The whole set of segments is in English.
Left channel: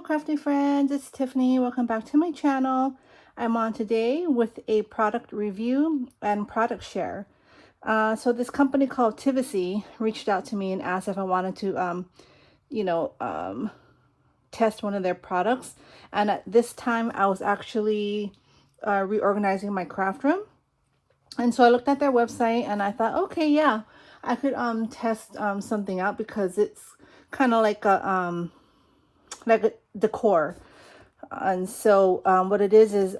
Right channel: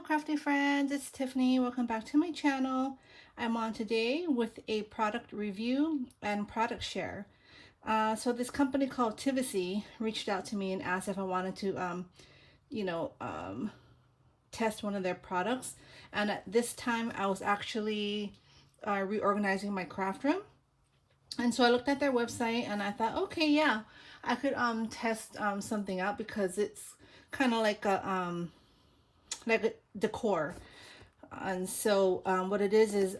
Hello crafty friends, it's Tiffany. Welcome back to my channel. I'm on today with a product review and product share. So this company called Tivisiy reached out to me and asked if I wanted to test one of their products. And at this time I was actually reorganizing my craft room. And so I looked at their website and I thought, okay, yeah, I could test something out because it's kind of like a decor. And so what it is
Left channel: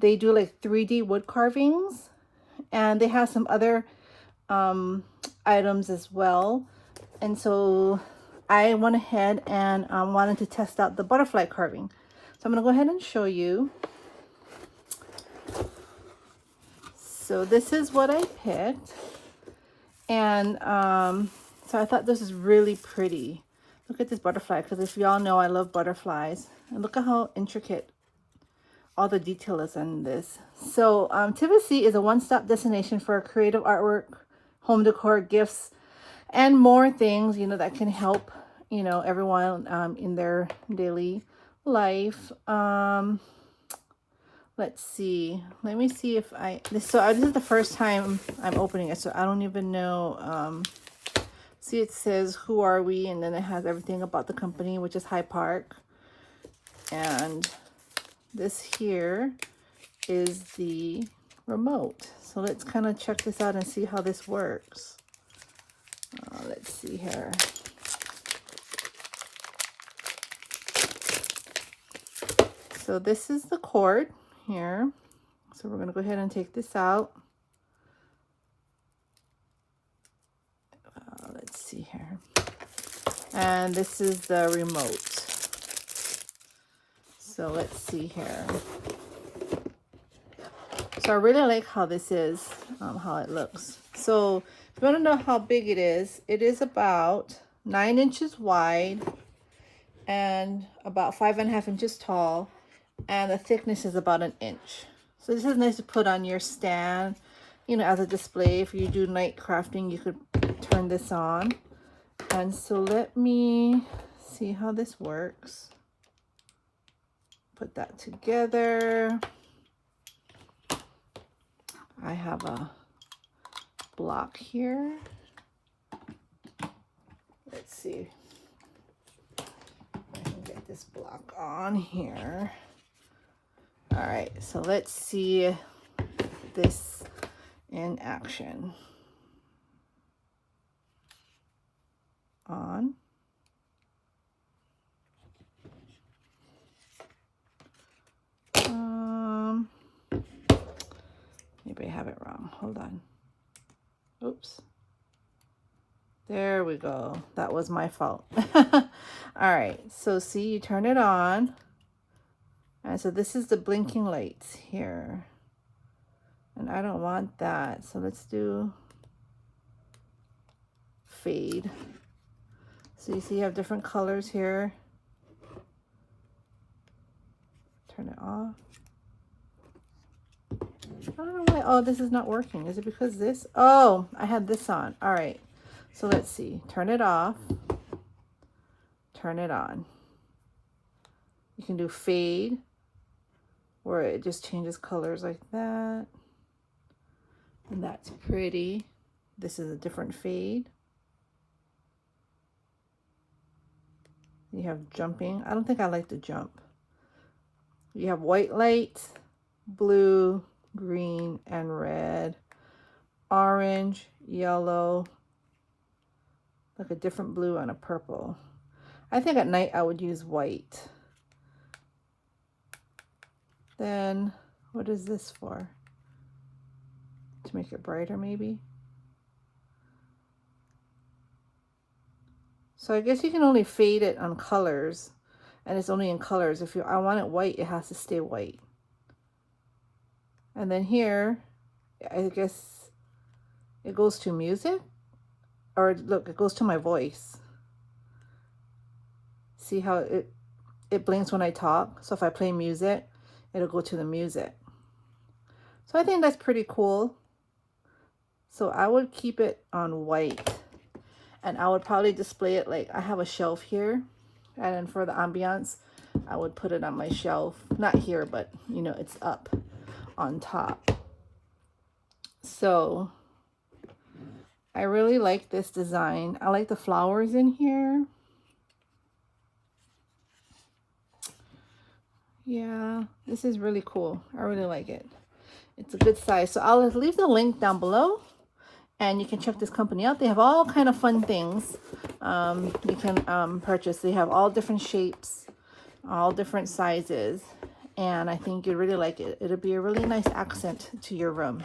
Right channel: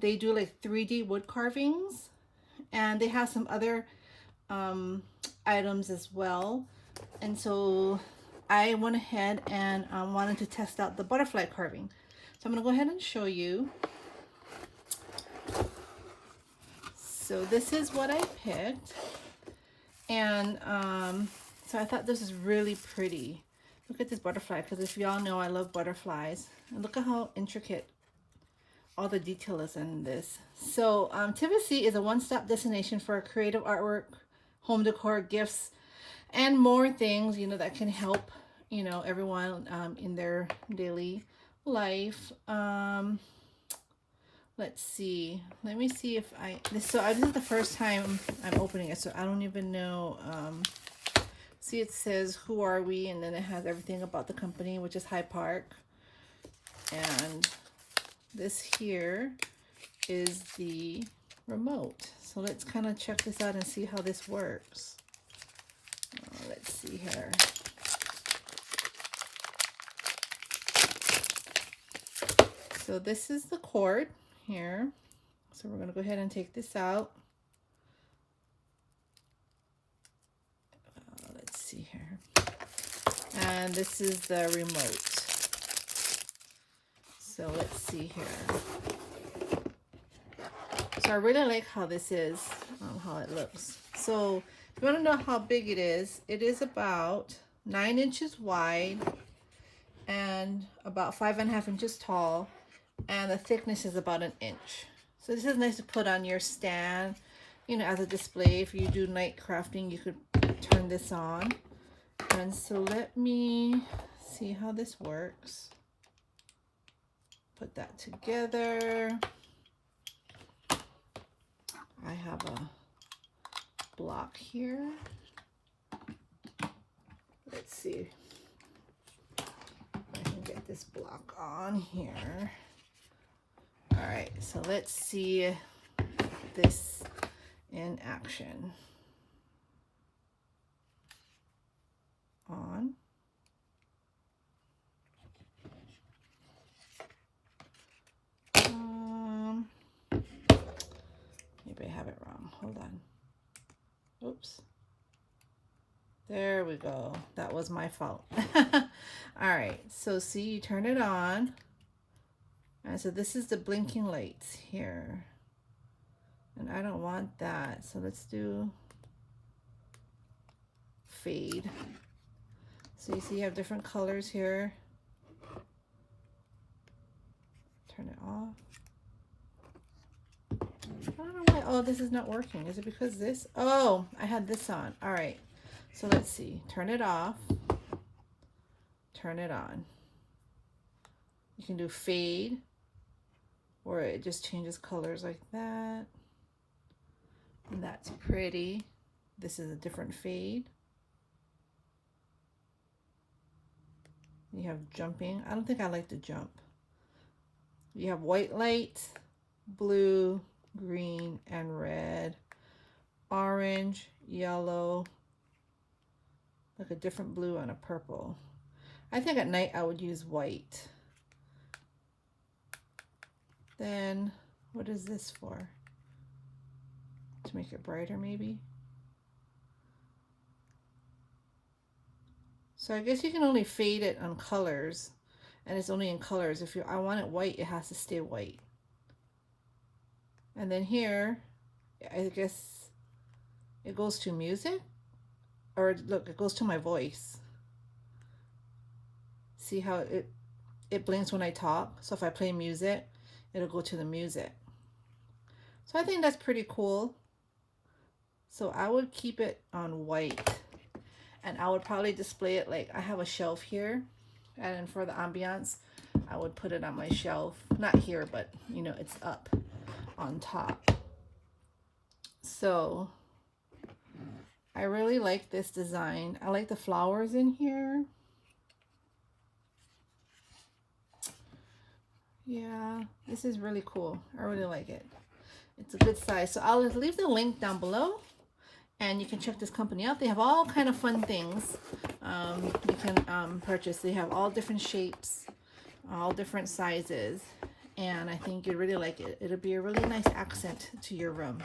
they do like 3D wood carvings, and they have some other items as well. And so I went ahead and wanted to test out the butterfly carving. So I'm going to go ahead and show you. So this is what I picked. And so I thought this is really pretty. Look at this butterfly, because if y'all know, I love butterflies. And look at how intricate all the detail is in this. So Tivisiy is a one-stop destination for creative artwork, home decor, gifts, and more things, that can help, everyone in their daily life. Let's see. Let me see if this is the first time I'm opening it, so I don't even know. See, it says, who are we? And then it has everything about the company, which is HiPark. And this here is the remote. So let's kind of check this out and see how this works. Let's see here. So this is the cord here. So we're going to go ahead and take this out. Let's see here. And this is the remote. So let's see here. So I really like how this is, how it looks. So if you want to know how big it is about 9 inches wide and about 5.5 inches tall, and the thickness is about 1 inch. So this is nice to put on your stand, as a display. If you do night crafting, you could turn this on. And so let me see how this works. Put that together. I have a block here. Let's see if I can get this block on here. All right, so let's see this in action. On. Maybe I have it wrong. Hold on. Oops. There we go. That was my fault. All right. So see, you turn it on. And so this is the blinking lights here. And I don't want that. So let's do fade. So you see you have different colors here. Turn it off. I don't know why. Oh, this is not working. Is it because this? Oh, I had this on. All right. So let's see. Turn it off. Turn it on. You can do fade, where it just changes colors like that. And that's pretty. This is a different fade. You have jumping. I don't think I like the jump. You have white light, blue, green, and red, orange, yellow, like a different blue and a purple. I think at night I would use white. Then what is this for? To make it brighter maybe? So I guess you can only fade it on colors, and it's only in colors. If I want it white, it has to stay white. And then here, I guess it goes to music, or look, it goes to my voice. See how it blinks when I talk? So if I play music, it'll go to the music. So I think that's pretty cool. So I would keep it on white, and I would probably display it like I have a shelf here, And then for the ambiance, I would put it on my shelf. Not here, but you know, it's up on top. So I really like this design. I like the flowers in here. Yeah, this is really cool. I really like it. It's a good size. So I'll leave the link down below, and you can check this company out. They have all kind of fun things you can purchase. They have all different shapes, all different sizes, and I think you'd really like it. It'll be a really nice accent to your room.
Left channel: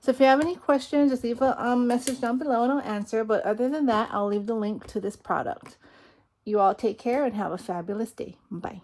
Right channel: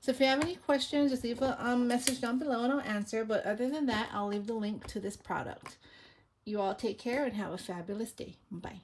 So if you have any questions, just leave a message down below and I'll answer. But other than that, I'll leave the link to this product. You all take care and have a fabulous day. Bye.